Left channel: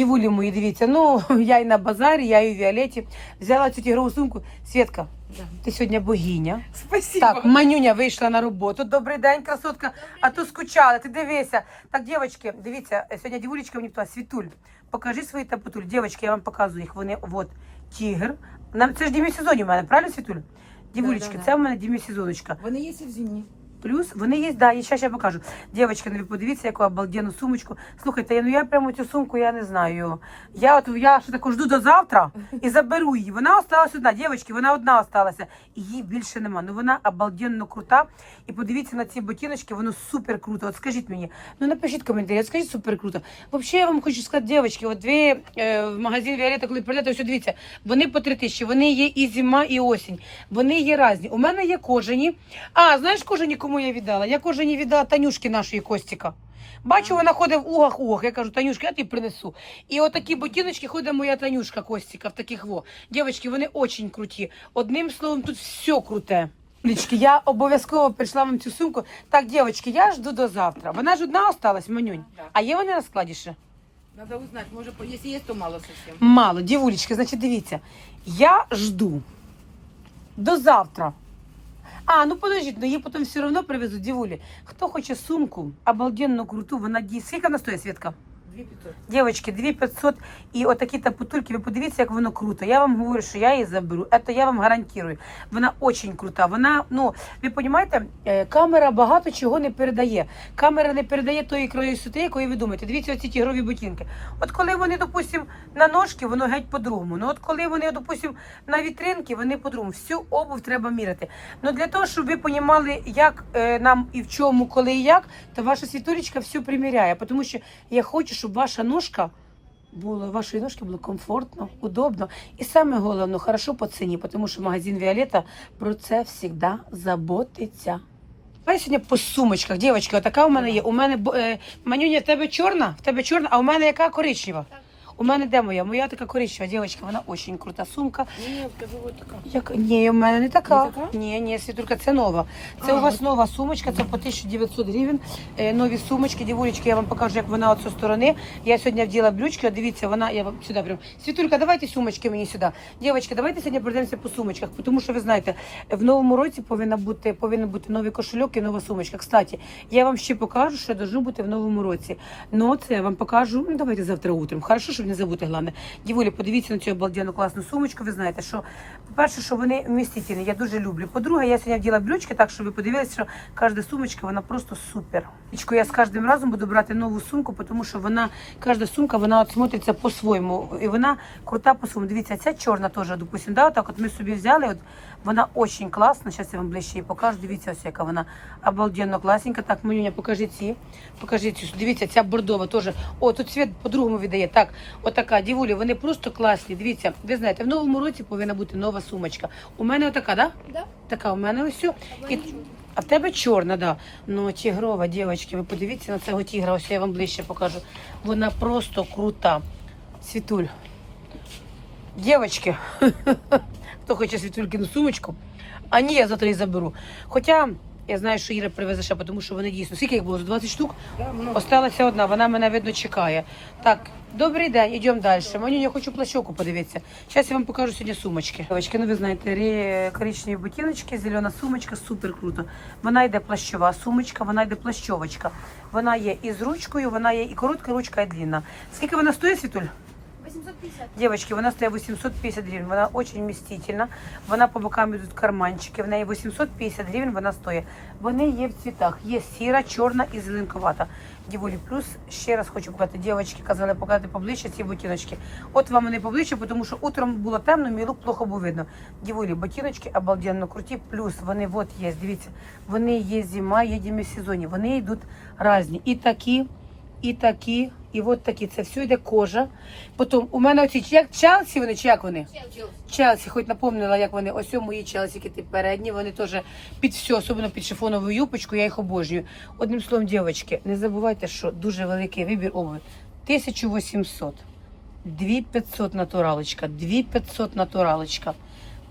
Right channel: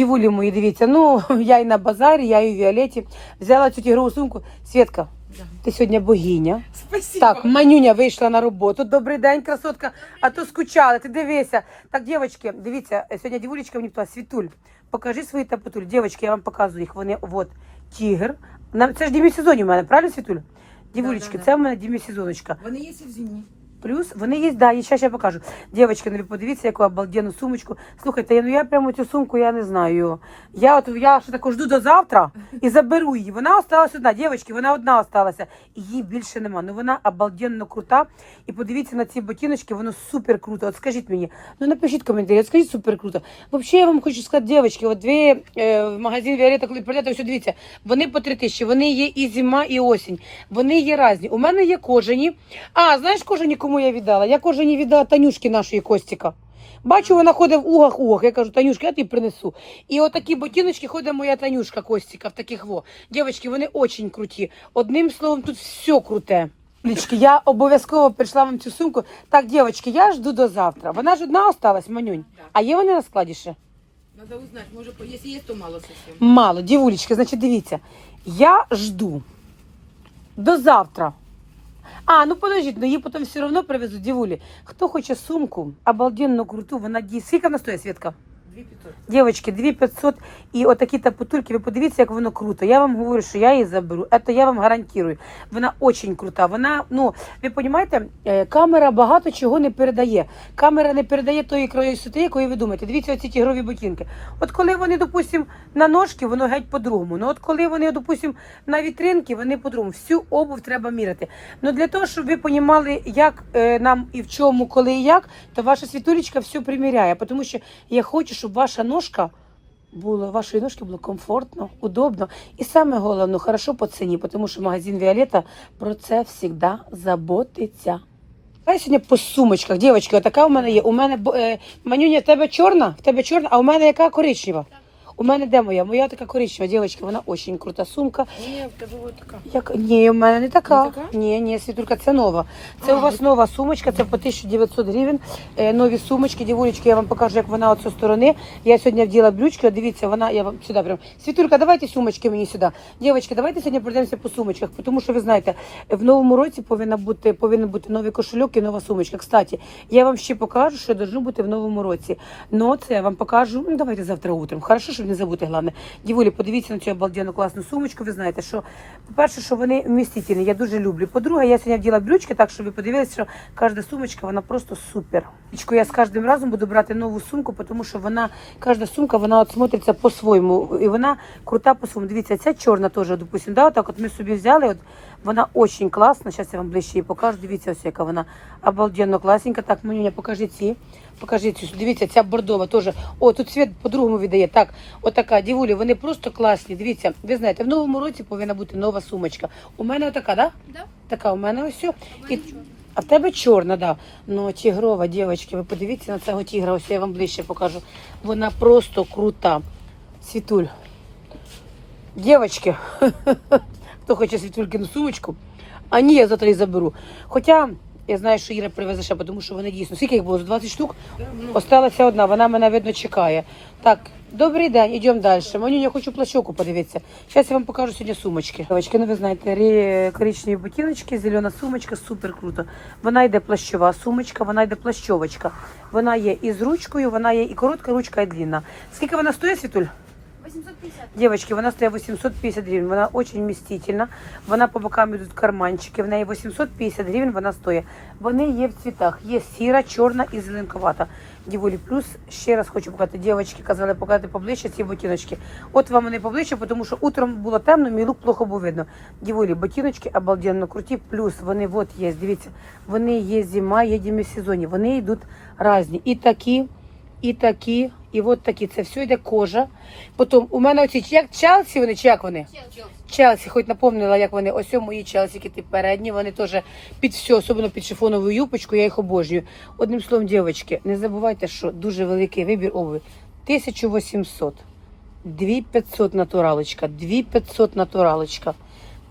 Дівулі мої, дивіться, ну я і на базарі, я і в Віолеті взяла цю тігрову сумку. Свєтка, Да. ти сьогодні богиня. Спасибо. Так, Манюня вийшла на роботу. Добрий день, красотка. А то скучали, ти дивися. Так, дівчатки, дивіться, сьогодні дівулечка мені питала, Світуль, покажи свої тапотуль. Дівчатки, я вам показую їх. Вони, от, тігр. На- Це ж демісезонні у мене, правильно, Світуль? Дівулечки, да. це в мене демісезоночка. Вони є і в зимні. Плюс вони є, да, і зараз я покажу. Дівчатки, ну подивіться, яку обалденну сумочку. Слухайте, я, ну я прямо цю сумку, я не знаю. Я от я що тако жду до завтра і заберу її. Вона осталась одна. Дівчатки, вона одна осталася. Її більше нема. Ну вона обалденно крута. І подивіться на ці ботиночки, воно супер круто. От скажіть мені, ну напишіть коментарі, скажіть супер круто. Взагалі, я вам хочу сказати, дівчатки, от ви е, в магазин Віолета, коли прийдете, ось дивіться, вони по три тисячі, вони є і зима, і осінь. Вони є різні. У мене є кожані. А, знаєш, кожані кому я віддала? Я кожані віддала Танюшки нашої Костіка. Бачу, вона ходить в угах угах. Я кажу, Танюшка, я тобі принесу. І отакі ботиночки ходить моя Танюшка Костіка в таких во. Дівчатки, вони очень круті. Одним словом, тут все круте. Лічки, я обов'язково прийшла вам цю сумку. Так, дівчатки, я жду до завтра. Вона ж одна осталась, манюнь. А є вони на складі ще? Надо узнать, може, якщо є, то мало совсем. Мало, дівулечки, значить, дивіться. Я жду до завтра. А, ну подождіть, ну її потім все одно привезуть, дівулі. Хто хоче сумку, обалденну круту, вона дійсно. Скільки вона стоїть, Світка? 2500. Дівчатки, 2500 і отакі тапотульки, ви подивіться, як воно круто. Я вам говорю, що я її заберу. Це я вам гарантую. Вона дуже крута. Вона, ну, ви розумієте, е, камера багато чого не передає. Камера не передає тої красоти, якої ви думаєте. Дивіться, оці тігрові ботинки. От коли вони, допустимо, на ножки, воно геть по-другому. Ну от коли вони, допустимо, на вітринки, вони по-другому. Всю обув треба міряти. Ну для того, щоб ви розуміли, як е, нам і в чому, коли і як, то ваша світулечка все приміряє. Тому що я хочу, щоб ваша ножка було, вашої ножки було комфортно, удобно. І саме головне, хорошо по ціні, тому що магазин Віолета про це завжди заботиться. Давай сьогодні по сумочках, дівчатки, отака у мене є. У мене е, манюня, в тебе чорна, в тебе чорна, а у мене яка коричнева. У мене де моя? Моя така коричнева, дівчатка, вона дуже крута сумка. Ні, я скажу, ось така. Як ні, у мене не така. Не така? Ні, ні, світулька, це нова. Це А, у вас от- нова сумочка, це по 1900 гривень. Е, нові сумочки, дівулечки, я вам покажу, як вона от зі сторони. Я сьогодні вділа брючки, от дивіться, вона, я вам сюди прям. Світулька, давайте сумочки мені сюди. Дівчатки, давайте сьогодні пройдемося по сумочках, тому що ви знаєте, в новому році повинна бути, повинен бути новий кошельок і нова сумочка. Кстати, я вам ще покажу, що должно бути в новому році. Ну, це я вам покажу, ну, давайте завтра утром. Хорошо, щоб не забути, головне. Дівулі, подивіться на цю обалденну класну сумочку. Ви знаєте, що, по-перше, що вони вмістительні, я дуже люблю. По-друге, я сьогодні вділа брючки, так що ви подивилися, що кожна сумочка, вона просто супер. Я з кожним разом буду брати нову сумку, тому що вона, кожна сумка, вона от смотриться по-своєму. І вона крута по-своєму. Дивіться, ця чорна теж, допустимо, да, отак от ми собі взяли, от вона дуже класна. Зараз я вам ближче її покажу. Дивіться, ось яка вона обалденно класненька. Так, Манюня, покажи ці. Покажи цю. Дивіться, ця бордова теж. О, тут світ по-другому віддає. Так, отака, дівулі, вони просто класні. Дивіться, ви знаєте, в новому році повинна бути нова сумочка. У мене така, да? Да. Така у мене ось. І, а в тебе чорна, да. Ну, тігрова, дівчатки, ви подивіться на цього тігра, ось я вам ближче покажу. Вона просто крута. Світуль. Дівчатки, хто хоче світулькину сумочку, а ні, я завтра її заберу. Хоча я знаю, що Іра привезе ще, тому що вони дійсно. Скільки їх було? 20 штук? Осталася одна, вона мене видно чекає. Так, добрий день, йдемо далі. Мені я хочу плащовку подивитися. Зараз я вам покажу сьогодні сумочки. Дівчатки, ну ви знаєте, коричневі ботиночки, зелена сумочка, супер круто. Вона йде плащова сумочка, вона йде плащовочка. Вона є і з ручкою, вона є і коротка ручка, і длинна. Скільки вона стоїть, Світуль? 850. Девочки, вона стоит 850 гривен, вона очень вмістительна, вона по бокам йдуть карманчики, в неї 850 гривень вона стоїть. Вони є в цвітах, є сіра, чорна і зеленкувата. Діволі, плюс ще раз хочу показати, дівчатки казали показати поближче ці ботиночки. От вам вони поближче, тому що утром було темно, мій лук плохо був видно. Діволі, ботиночки обалденно круті, плюс вони от є, дивіться, вони є зима, є демісезонні, вони йдуть різні. І такі, і такі, і от такі. Це все йде кожа. Потім у мене оці чи як Челсі, вони чи як вони? Челсі, хоч напомнила, як вони. Ось мої Челсіки, ті передні, вони теж під все, особливо під шифонову юбочку, я їх обожнюю. Одним словом, дівчатки, не забувайте, що дуже великий вибір обуви. 1800, 2500 натуралочка, 2500 натуралочка,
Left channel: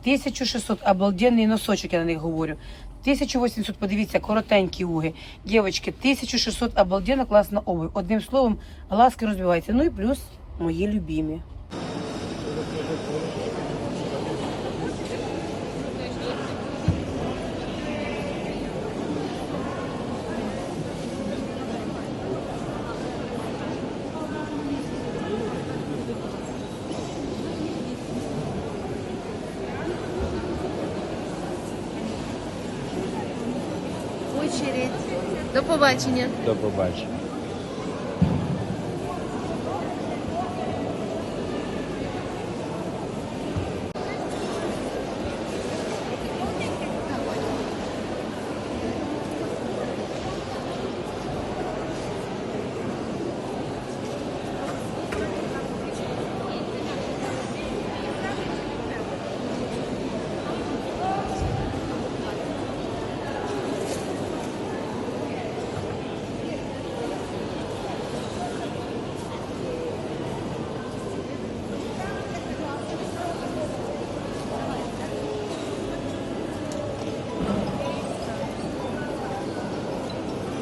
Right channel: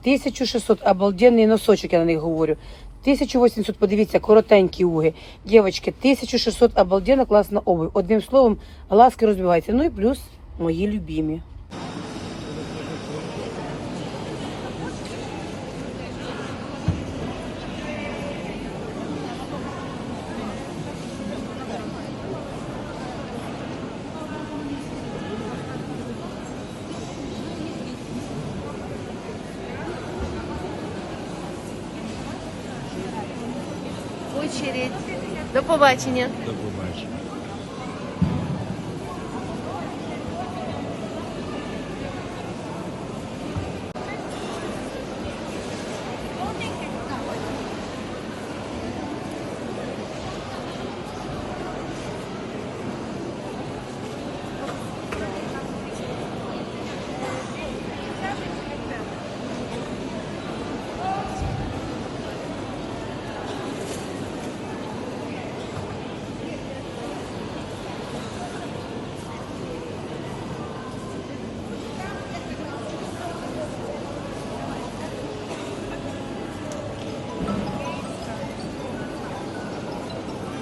1600, обалденний носочок, я на них говорю. 1800, подивіться, коротенькі уги. Дівчатки, 1600, обалденно класна обувь. Одним словом, глазки розбиваються. Ну і плюс мої любімі. Очередь. До побачення. До побачення.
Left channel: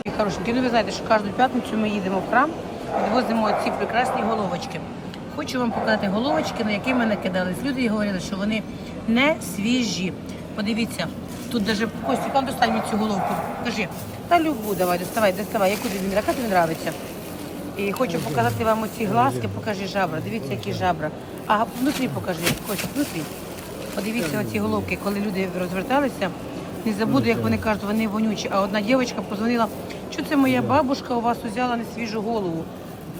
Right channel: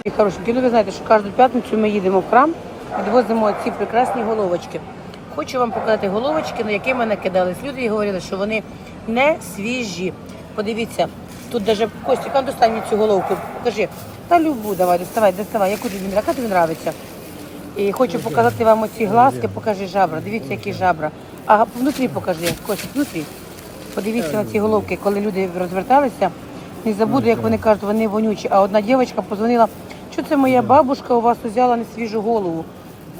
Хорошенькі, ну ви знаєте, що кожну п'ятницю ми їдемо в храм, відвозимо ці прекрасні головочки. Хочу вам показати головочки, на які ми накидались. Люди і говорили, що вони не свіжі. Подивіться, тут навіть Костік, а достань мені цю головку. Кажи, на любу давай, доставай, доставай, яку тобі, яка тобі подобається. І хочу показати вам оці глазки, покажи жабра. Дивіться, які жабра. А внутрі покажи, Костік, внутрі. Подивіться на ці головки, коли люди розверталися. Не забуду, як вони кажуть, вони вонючі. А одна дівчинка позвонила, що це моя бабушка у вас взяла на свіжу голову.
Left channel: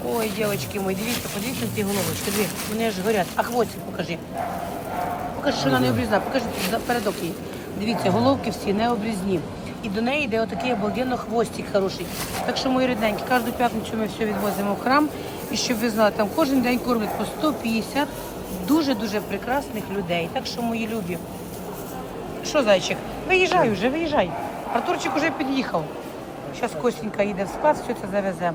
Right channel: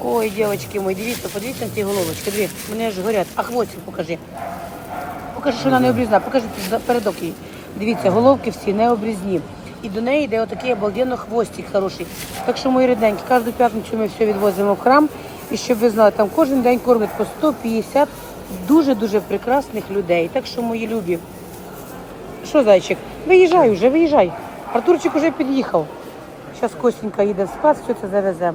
Ой, дівчатки мої, дивіться, подивіться на ці головочки. Дивіться, вони ж горять. А хвостик покажи. Покажи, що вона не обрізна, покажи передок її. Дивіться, головки всі не обрізні. І до неї йде отакий обалденно хвостик хороший. Так що, мої рідненькі, кожну п'ятницю ми все відвозимо в храм. І щоб ви знали, там кожен день кормять по 150 дуже-дуже прекрасних людей. Так що, мої любі, що, зайчик, виїжджай вже, виїжджай. Артурчик уже під'їхав. Зараз Костенька їде в склад, все це завезе.